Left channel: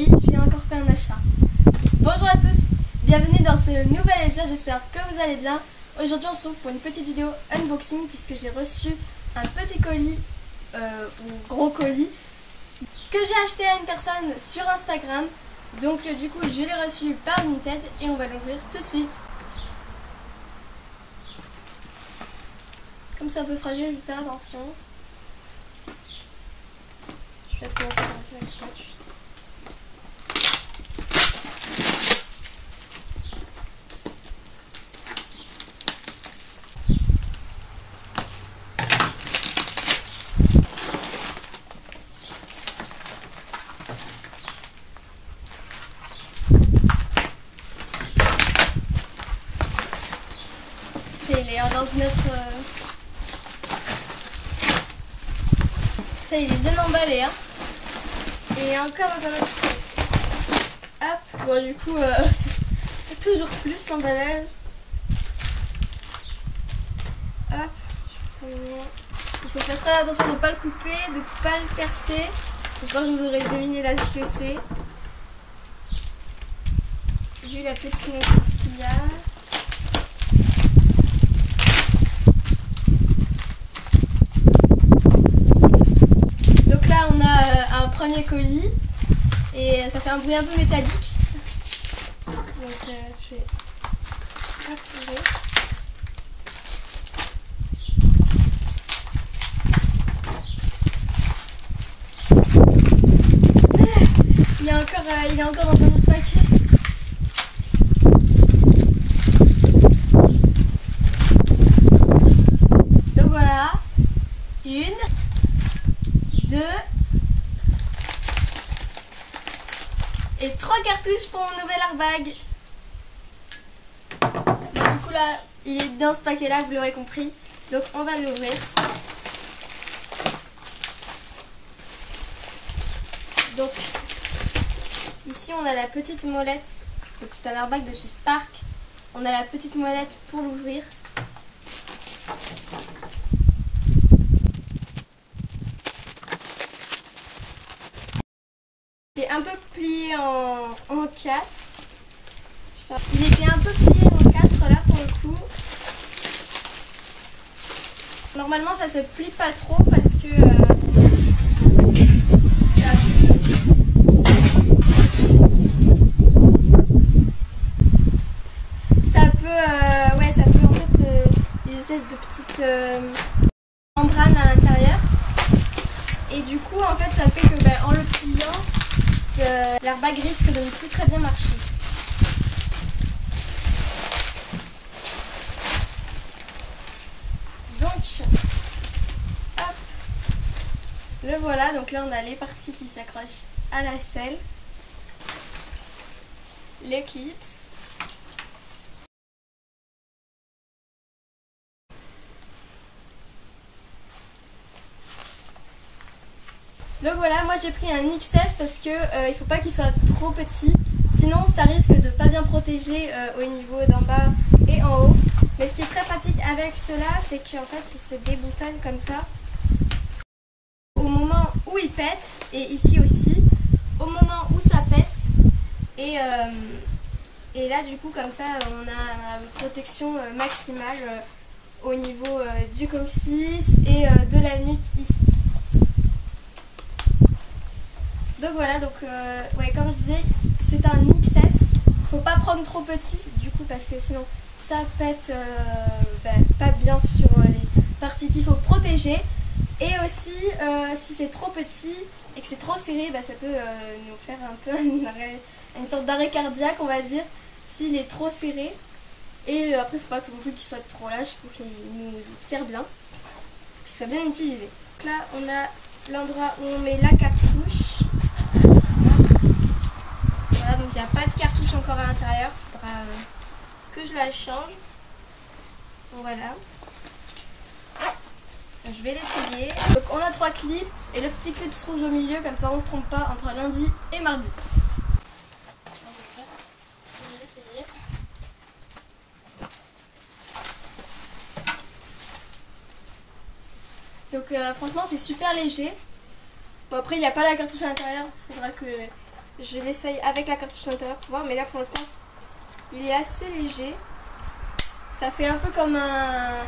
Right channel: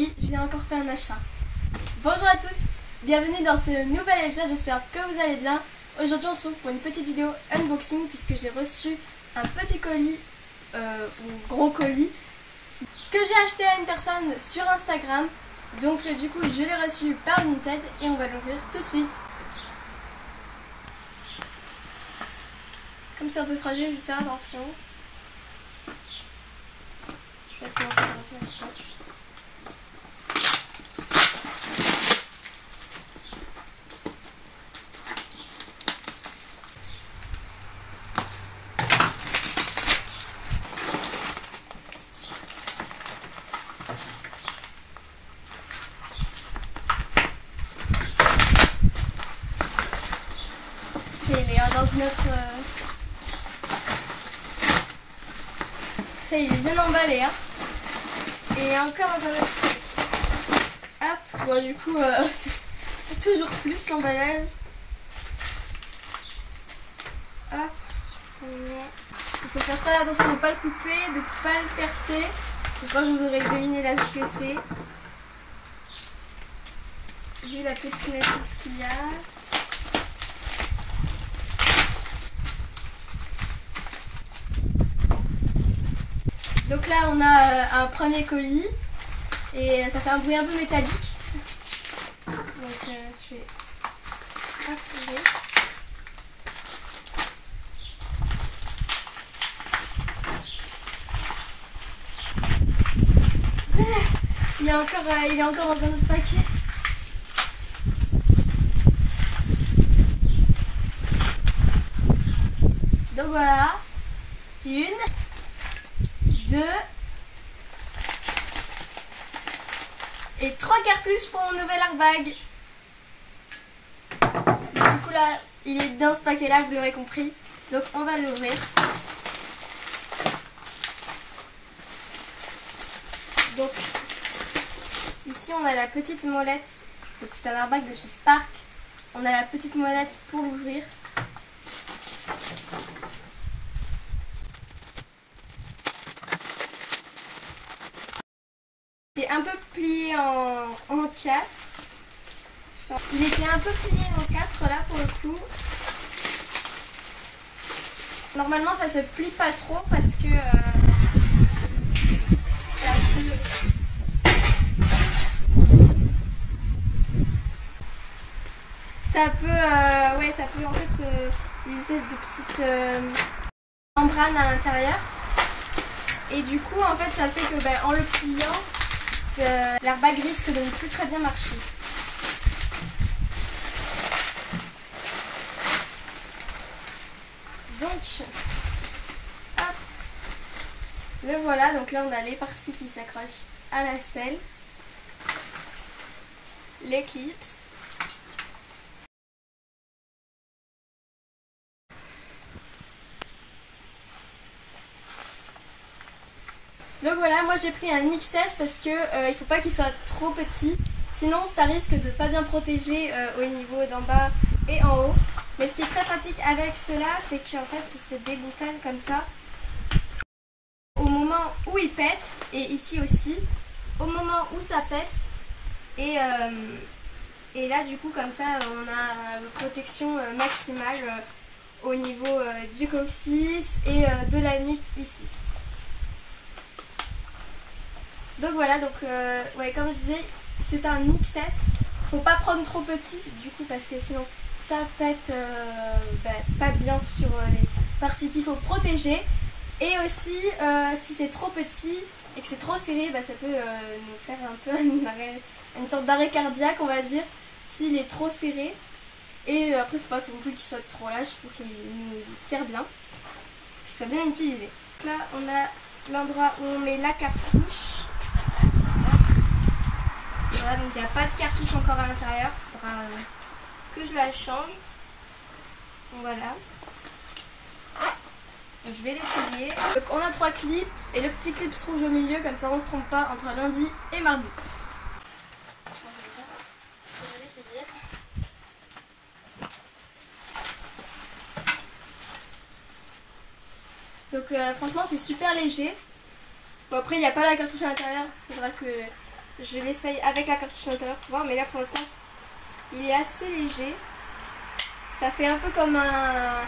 Oui, j'ai encore fait un achat. Bonjour à tous, bienvenue dans ce nouvel épisode, j'espère que vous allez bien. Aujourd'hui on se retrouve pour une petite vidéo unboxing puisque j'ai reçu un petit colis, ou gros colis, que j'ai acheté à une personne sur Instagram. Donc du coup je l'ai reçu par Vinted et on va l'ouvrir tout de suite. Comme c'est un peu fragile, je vais faire attention. Je vais commencer par avec le scotch. Il est dans une autre... Ça il est bien emballé hein. Et encore dans un autre sac. Hop, bon du coup c'est toujours plus l'emballage. Hop, il faut faire très attention de ne pas le couper, de ne pas le percer. Je crois que je vous aurais deviné là ce que c'est. Vu la petite notice qu'il y a. Donc là on a un premier colis et ça fait un bruit un peu métallique. Donc je vais activer. Il est encore dans un autre paquet. Donc voilà, 1, 2 et 3 cartouches pour mon nouvel airbag. Du coup là, il est dans ce paquet là, vous l'aurez compris. Donc on va l'ouvrir. Donc ici on a la petite molette. Donc c'est un airbag de chez Spark. On a la petite molette pour l'ouvrir. C'est un peu plié en 4. Il était un peu plié en 4 là pour le coup. Normalement ça se plie pas trop parce que ça peut en fait des espèces de petites membranes à l'intérieur. Et du coup en fait ça fait que en le pliant, l'airbag risque de ne plus très bien marcher. Donc, hop, le voilà. Donc là on a les parties qui s'accrochent à la selle, les clips. Donc voilà, moi j'ai pris un XS parce que il faut pas qu'il soit trop petit, sinon ça risque de pas bien protéger au niveau d'en bas et en haut. Mais ce qui est très pratique avec cela, c'est qu'en fait il se déboutonne comme ça au moment où il pète, et ici aussi au moment où ça pète, et là du coup comme ça on a une protection maximale au niveau du coccyx et de la nuque ici. Donc voilà, donc ouais, comme je disais, c'est un XS. Faut pas prendre trop petit du coup parce que sinon ça pète pas bien sur les parties qu'il faut protéger. Et aussi si c'est trop petit et que c'est trop serré, ça peut nous faire un peu une sorte d'arrêt cardiaque on va dire, s'il est trop serré. Et après faut pas non plus qu'il soit trop lâche pour qu'il nous serve bien, qu'il soit bien utilisé. Donc là on a l'endroit où on met la cartouche. Voilà, donc il n'y a pas de cartouche encore à l'intérieur, il faudra que je la change. Donc voilà. Donc, je vais l'essayer. Donc on a 3 clips et le petit clip rouge au milieu, comme ça on ne se trompe pas entre lundi et mardi. Je vais l'essayer. Donc franchement c'est super léger. Bon après il n'y a pas la cartouche à l'intérieur, il faudra que je l'essaye avec la cartouche à l'intérieur pour voir, mais là pour l'instant il est assez léger. Ça fait un peu comme un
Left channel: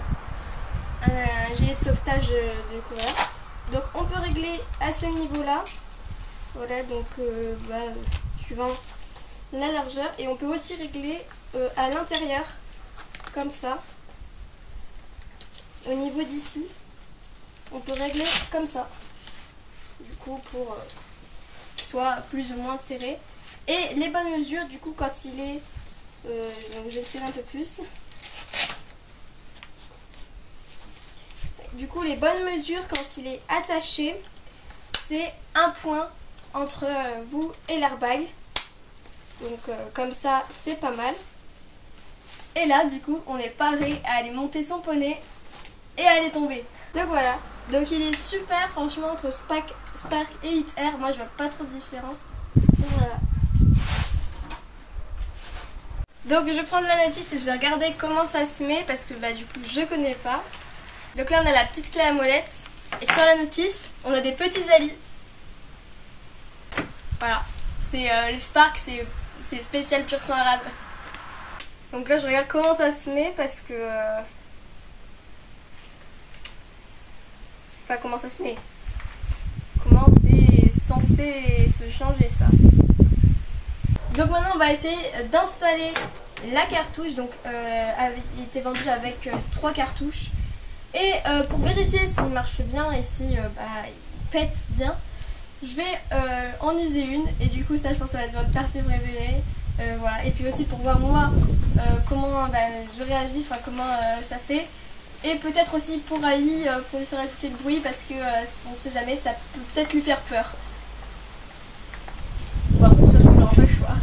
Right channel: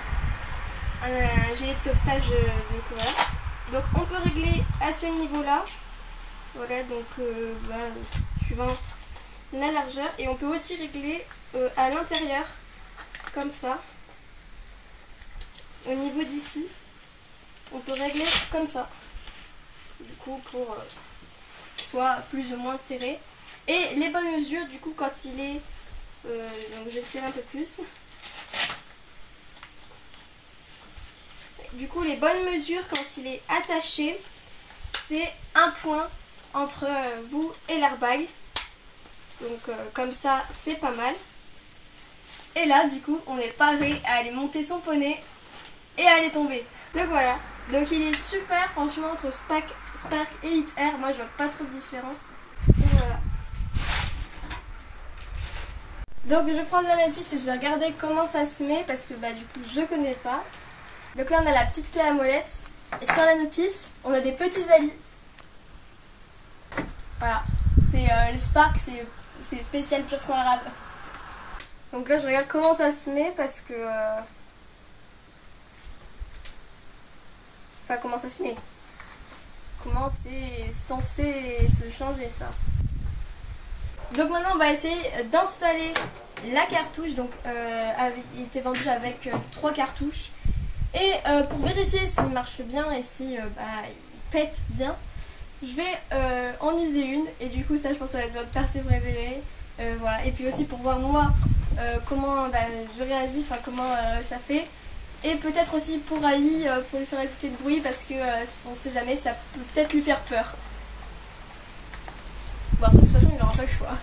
gilet de sauvetage du coup voilà. Donc on peut régler à ce niveau là. Voilà, donc suivant la largeur, et on peut aussi régler à l'intérieur comme ça. Au niveau d'ici, on peut régler comme ça. Du coup pour soit plus ou moins serré. Et les bonnes mesures du coup quand il est donc je vais tirer un peu plus. Du coup les bonnes mesures quand il est attaché, c'est un point entre vous et l'airbag. Donc comme ça c'est pas mal. Et là du coup on est paré à aller monter son poney et à aller tomber. Donc voilà, donc il est super franchement entre Spark et Hit Air. Moi je vois pas trop de différence. Donc voilà. Donc je vais prendre la notice et je vais regarder comment ça se met parce que du coup je connais pas. Donc là on a la petite clé à molette et sur la notice on a des petits alis. Voilà, c'est les Spark, c'est spécial pur sang arabe. Donc là je regarde comment ça se met parce que... Enfin comment ça se met. Comment c'est censé se changer ça. Donc maintenant on va essayer d'installer la cartouche. Donc il était vendu avec 3 cartouches. Et pour vérifier s'il marche bien et si il pète bien, je vais en user une. Et du coup ça je pense que ça va être votre partie préférée. Voilà. Et puis aussi pour voir moi comment je réagis, enfin comment ça fait. Et peut-être aussi pour Ali, pour lui faire écouter le bruit parce que on sait jamais, ça peut peut-être lui faire peur. Bon, de toute façon il n'aura pas le choix.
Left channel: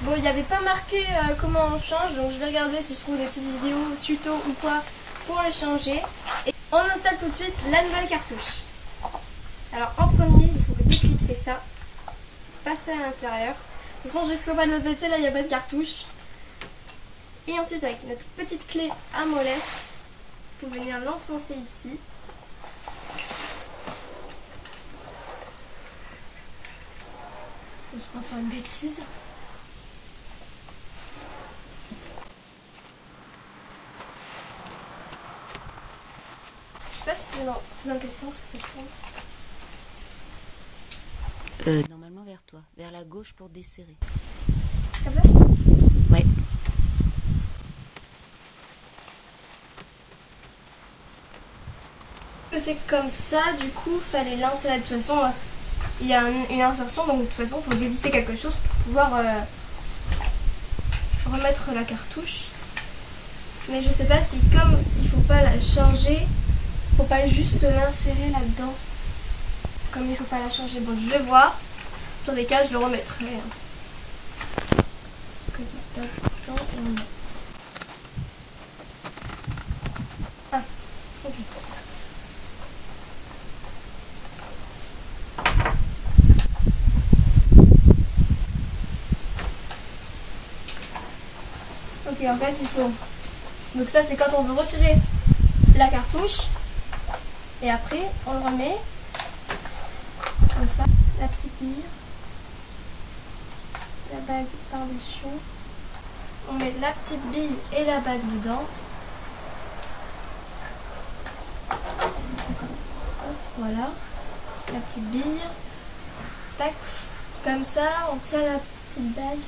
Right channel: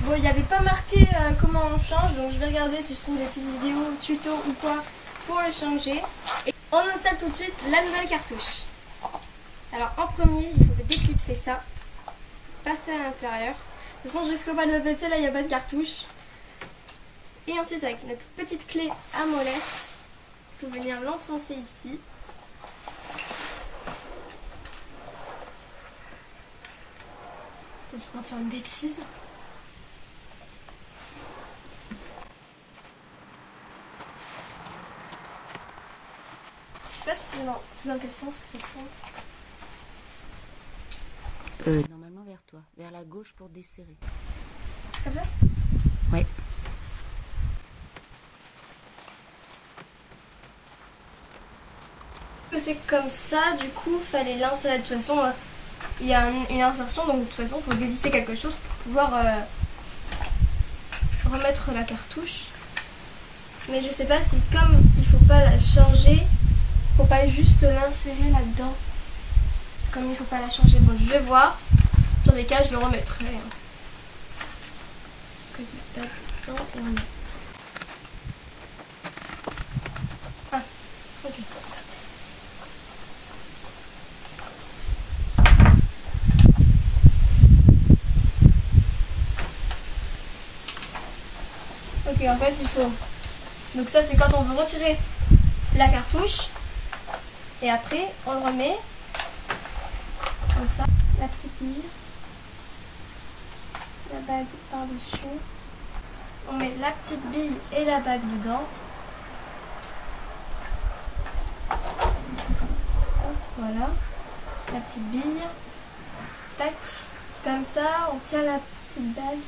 Bon, il n'y avait pas marqué comment on change, donc je vais regarder si je trouve des petites vidéos, tutos ou quoi pour le changer. Et on installe tout de suite la nouvelle cartouche. Alors en premier, il faut déclipser ça, passer à l'intérieur. De toute façon, jusqu'au bas de la pété, là il n'y a pas de cartouche. Et ensuite avec notre petite clé à molette, il faut venir l'enfoncer ici. Je vais pas faire une bêtise. Je sais pas si c'est dans quel sens que ça se fait. Normalement vers toi, vers la gauche pour desserrer. Comme ça? Ouais. Parce que c'est comme ça, du coup, fallait l'insérer. De toute façon, il y a une insertion, donc de toute façon, il faut dévisser quelque chose pour pouvoir remettre la cartouche. Mais je sais pas si, comme il faut pas la changer, faut pas juste l'insérer là-dedans. Comme il faut pas la changer, bon, je vais voir. Dans des cas, je le remettrai. Que du tape dedans et on met. Ah, ok. Ok, en fait, il faut... Donc ça, c'est quand on veut retirer la cartouche. Et après, on le remet. Comme ça. La petite bille. La bague par-dessus. On met la petite bille et la bague dedans. Hop, voilà. La petite bille. Tac. Comme ça, on tient la petite bague.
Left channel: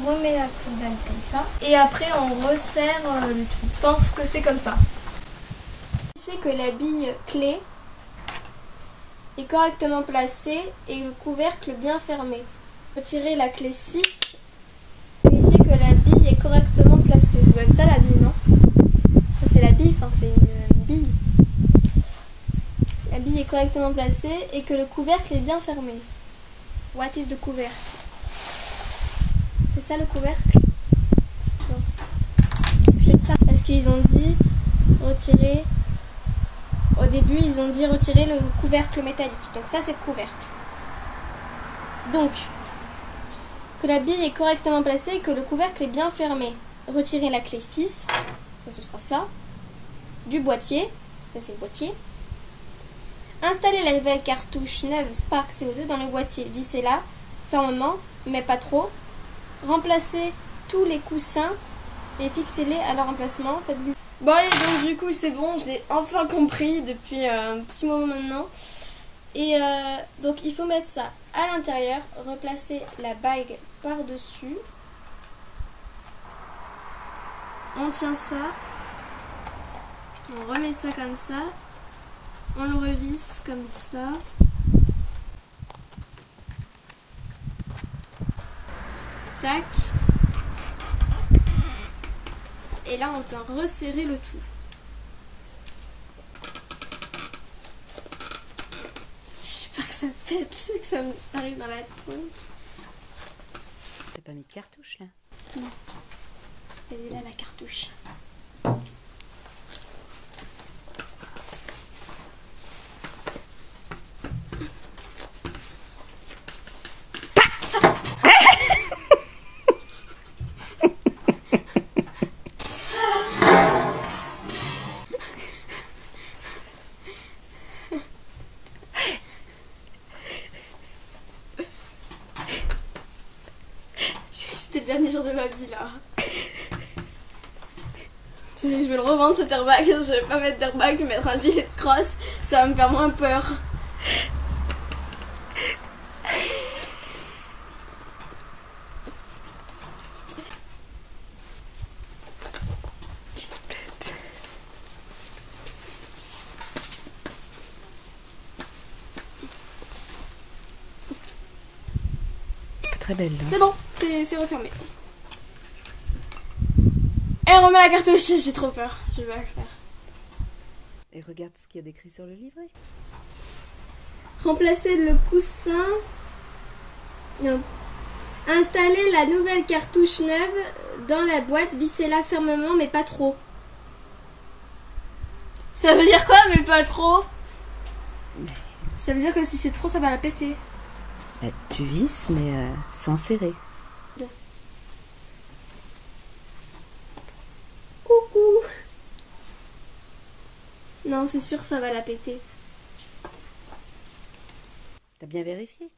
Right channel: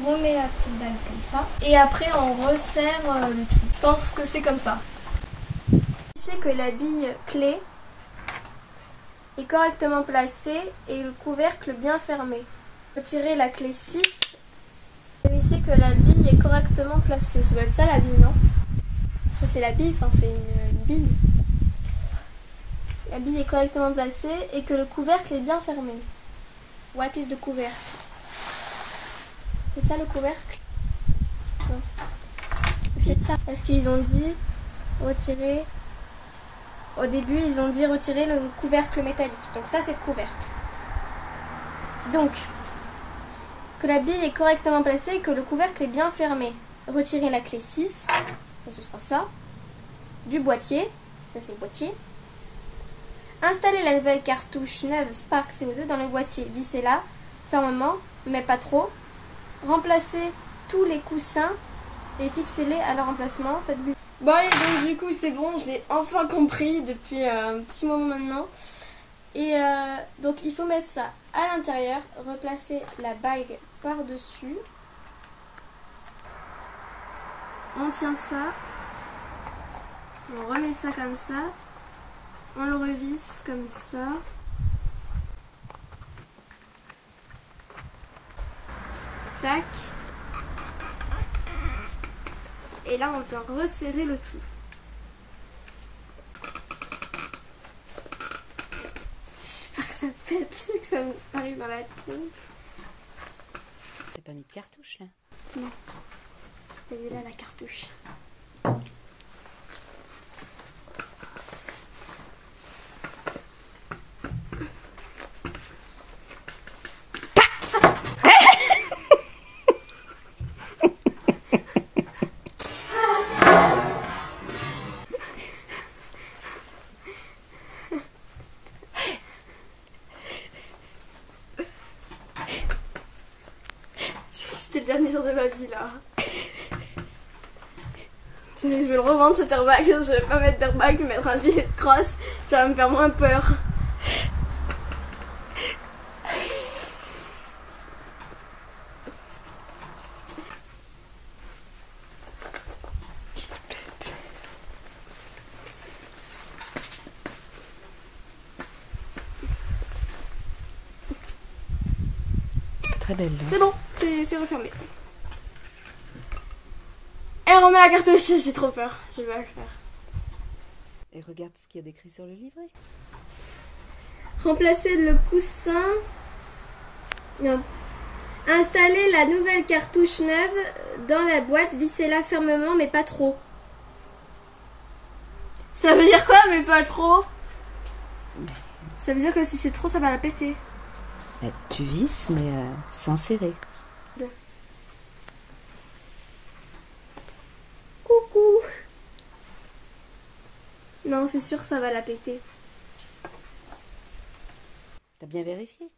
On remet la petite bague comme ça. Et après, on resserre le tout. Je pense que c'est comme ça. Sachez que la bille clé est correctement placée et le couvercle bien fermé. Retirez la clé 6. Vérifiez que la bille est correctement placée. Ça doit être ça la bille, non? Ça c'est la bille, enfin c'est une bille. La bille est correctement placée et que le couvercle est bien fermé. What is the couvercle? C'est ça le couvercle? Peut-être ça. Parce qu'ils ont dit retirer... Au début, ils ont dit retirer le couvercle métallique. Donc ça, c'est le couvercle. Donc, que la bille est correctement placée et que le couvercle est bien fermé. Retirer la clé 6, ça ce sera ça, du boîtier Ça c'est le boîtier. Installez la nouvelle cartouche neuve Spark CO2 dans le boîtier. Vissez-la fermement, mais pas trop. Remplacez tous les coussins et fixez-les à leur emplacement. Bon allez, donc du coup c'est bon, j'ai enfin compris depuis un petit moment maintenant. Et donc il faut mettre ça à l'intérieur, replacer la bague par-dessus. On tient ça, on remet ça comme ça, on le revisse comme ça. Tac. Et là on vient resserrer le tout. J'espère que ça pète, que ça arrive dans la tronche. T'as pas mis de cartouche là? Non. Elle est là la cartouche. C'était le dernier jour de ma vie là. Je vais le revendre cet airbag. Je vais pas mettre d'airbag, je vais mettre un gilet de crosse. Ça va me faire moins peur. Très belle là. C'est bon, c'est refermé. Et on remet la cartouche, j'ai trop peur. Je vais le faire. Et regarde ce qu'il y a d'écrit sur le livret. Remplacer le coussin. Non. Installer la nouvelle cartouche neuve dans la boîte. Vissez-la fermement, mais pas trop. Ça veut dire quoi, mais pas trop? Ça veut dire que si c'est trop, ça va la péter. Bah, tu visses, mais sans serrer. Coucou. Non, c'est sûr, ça va la péter. T'as bien vérifié?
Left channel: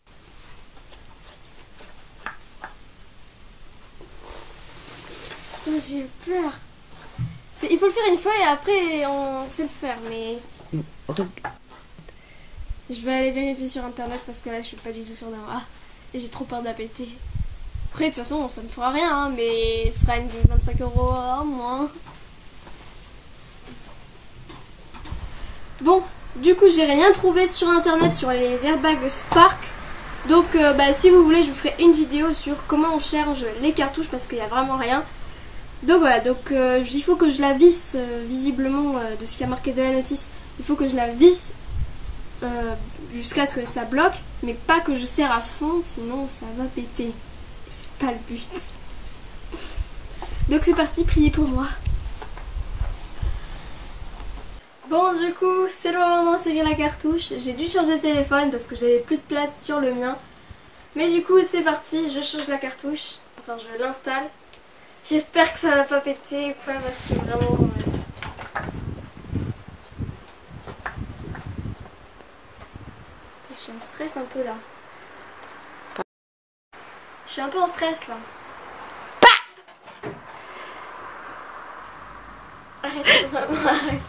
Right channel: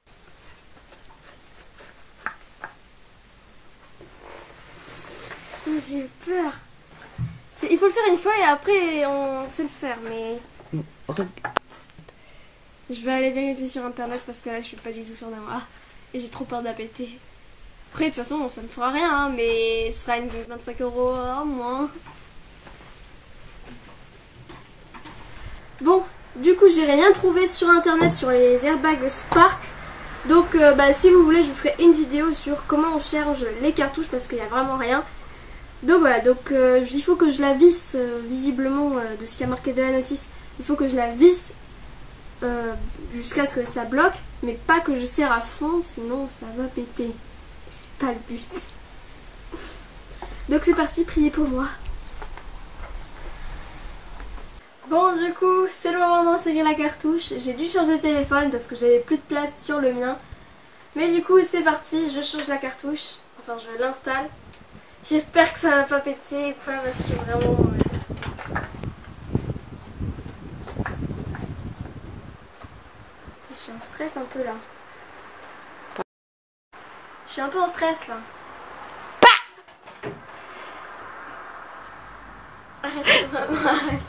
J'ai peur. Il faut le faire une fois et après on sait le faire, mais je vais aller vérifier sur internet parce que là je suis pas du tout sûre d'avoir. Et j'ai trop peur de la péter. Après de toute façon ça ne fera rien, hein, mais ce sera une 25 € en moins. Bon, du coup j'ai rien trouvé sur internet sur les airbags Spark. Donc si vous voulez je vous ferai une vidéo sur comment on charge les cartouches parce qu'il n'y a vraiment rien. Donc voilà, donc il faut que je la visse visiblement de ce qui a marqué de la notice. Il faut que je la visse jusqu'à ce que ça bloque, mais pas que je serre à fond, sinon ça va péter. Et c'est pas le but. Donc c'est parti, priez pour moi. Bon, du coup, c'est le moment d'insérer la cartouche. J'ai dû changer de téléphone parce que j'avais plus de place sur le mien. Mais du coup, c'est parti, je change la cartouche. Enfin, je l'installe. J'espère que ça va pas péter ou quoi parce que vraiment... Je suis en stress un peu là. Je suis un peu en stress là. Arrête, vraiment, arrête.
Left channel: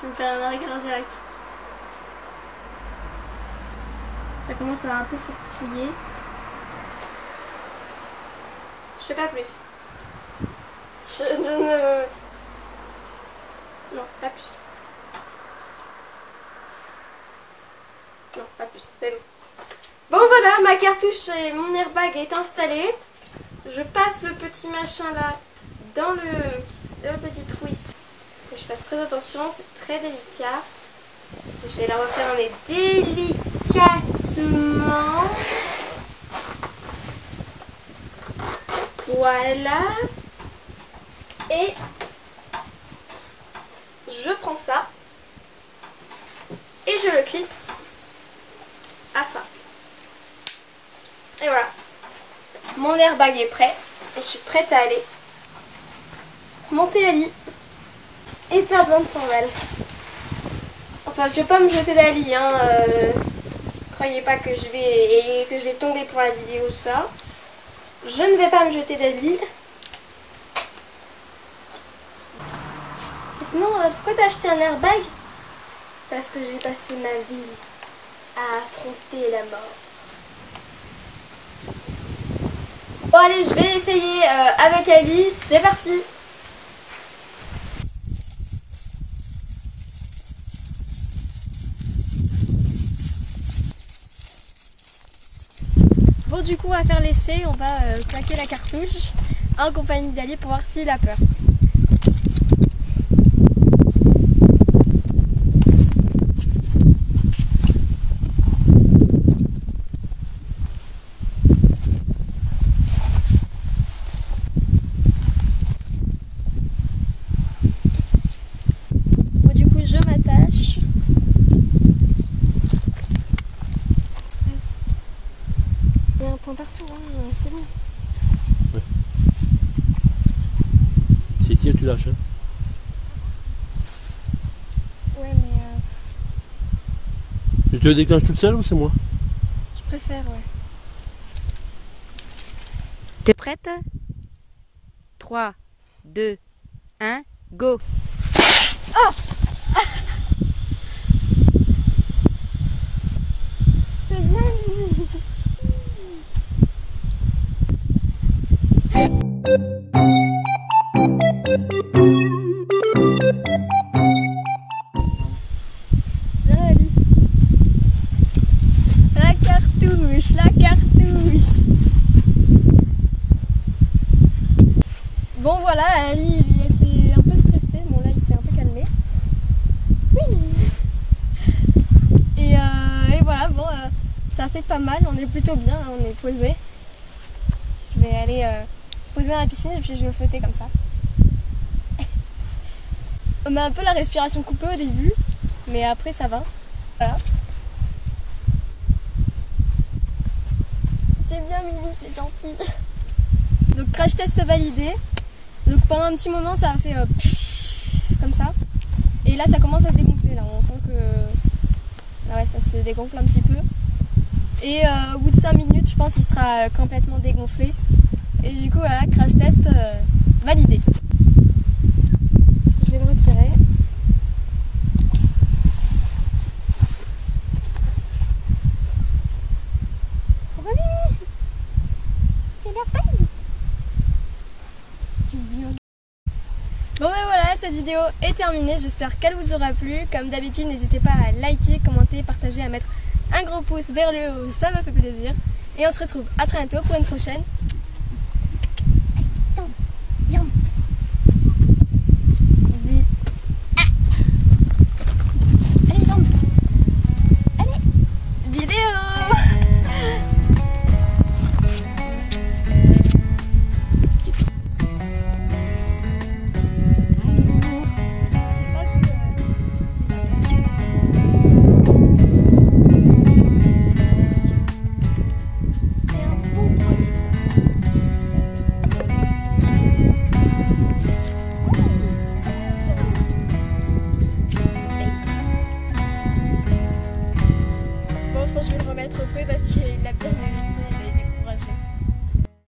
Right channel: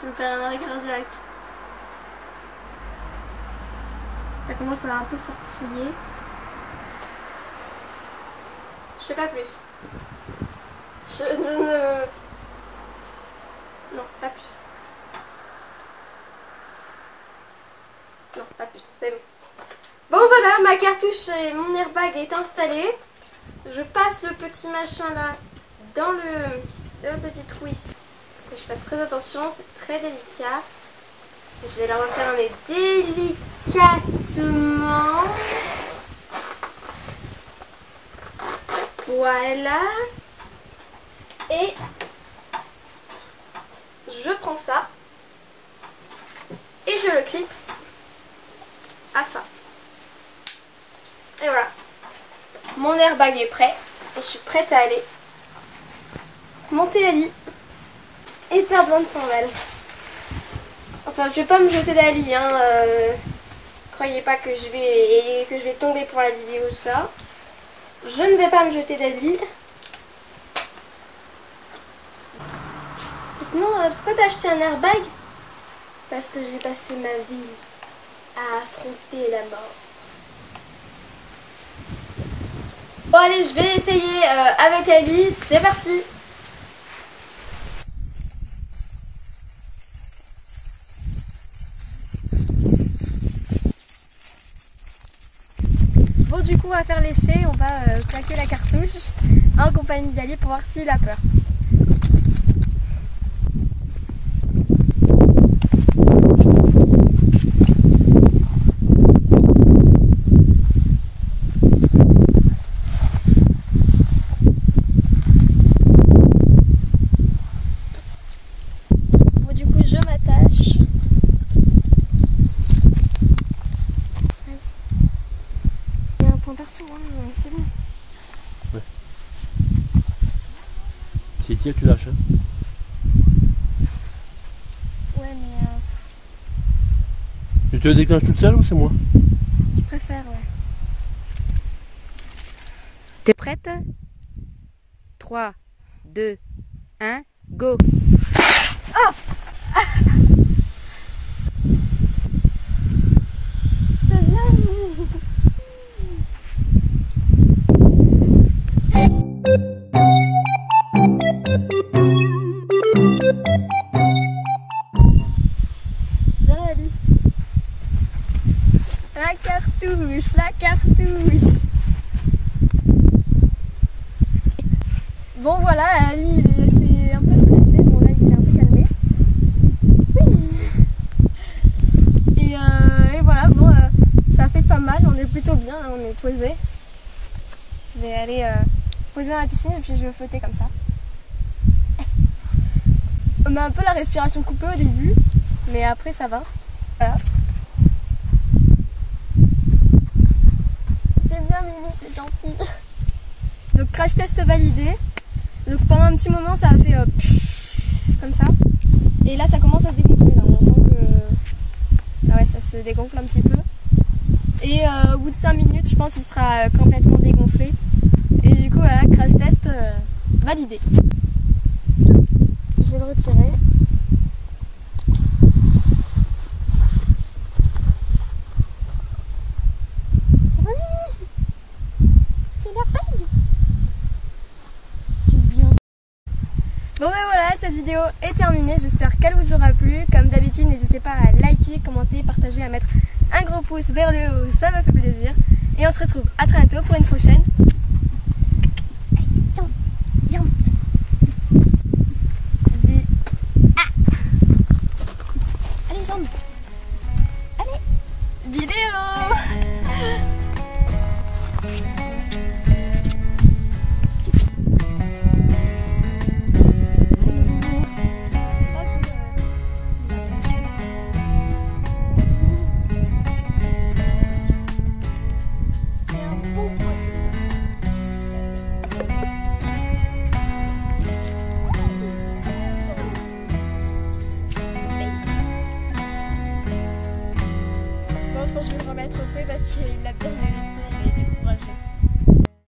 Je vais me faire un arrêt cardiaque. Ça commence à un peu forcouiller. Je fais pas plus. Non, pas plus. Non, pas plus, c'est bon. Bon voilà, ma cartouche et mon airbag est installé. Je passe le petit machin là dans le petit trou ici. Que je fasse très attention, c'est très délicat. Je vais la refermer délicatement. Voilà. Et je prends ça et je le clipse à ça. Et voilà. Mon airbag est prêt. Et je suis prête à aller monter la lit et perdre 25 balles. Enfin, je vais pas me jeter d'Ali, hein. Croyez pas que je vais tomber pour la vidéo, ça. Je ne vais pas me jeter d'Ali. Sinon, pourquoi t'as acheté un airbag? Parce que j'ai passé ma vie à affronter la mort. Bon allez, je vais essayer avec Alice, c'est parti. Bon du coup on va faire l'essai, on va claquer la cartouche en compagnie d'Ali pour voir s'il a peur. Bon du coup je m'attache. Il y a un point partout, hein, c'est bon. C'est ici que tu lâches, hein? Ouais mais Tu te déclenches toute seule ou c'est moi? je préfère, ouais. T'es prête? 3, 2, 1, go! C'est bien. Viens Ali. La cartouche, la cartouche. Bon voilà, Ali il était un peu stressé, bon là il s'est un peu calmé. Et voilà, bon ça fait pas mal, on est plutôt bien, là, on est posé. Je vais aller poser dans la piscine et puis je vais flotter comme ça. On a un peu la respiration coupée au début, mais après ça va. Voilà. C'est bien Mimi, c'est gentil. Donc crash test validé. Donc pendant un petit moment ça a fait comme ça. Et là ça commence à se dégonfler, là on sent que ouais, ça se dégonfle un petit peu. Et au bout de 5 minutes je pense qu'il sera complètement dégonflé. Et du coup voilà, crash test validé. Je vais le retirer. Ça va Mimi? C'est l'airbag. Bon ben voilà, cette vidéo est terminée, j'espère qu'elle vous aura plu. Comme d'habitude, n'hésitez pas à liker, commenter, partager, à mettre un gros pouce vers le haut, ça me fait plaisir. Et on se retrouve à très bientôt pour une prochaine. Allez, jambes. Allez, vidéo. Je vais le remettre au feu parce qu'il a bien mérité.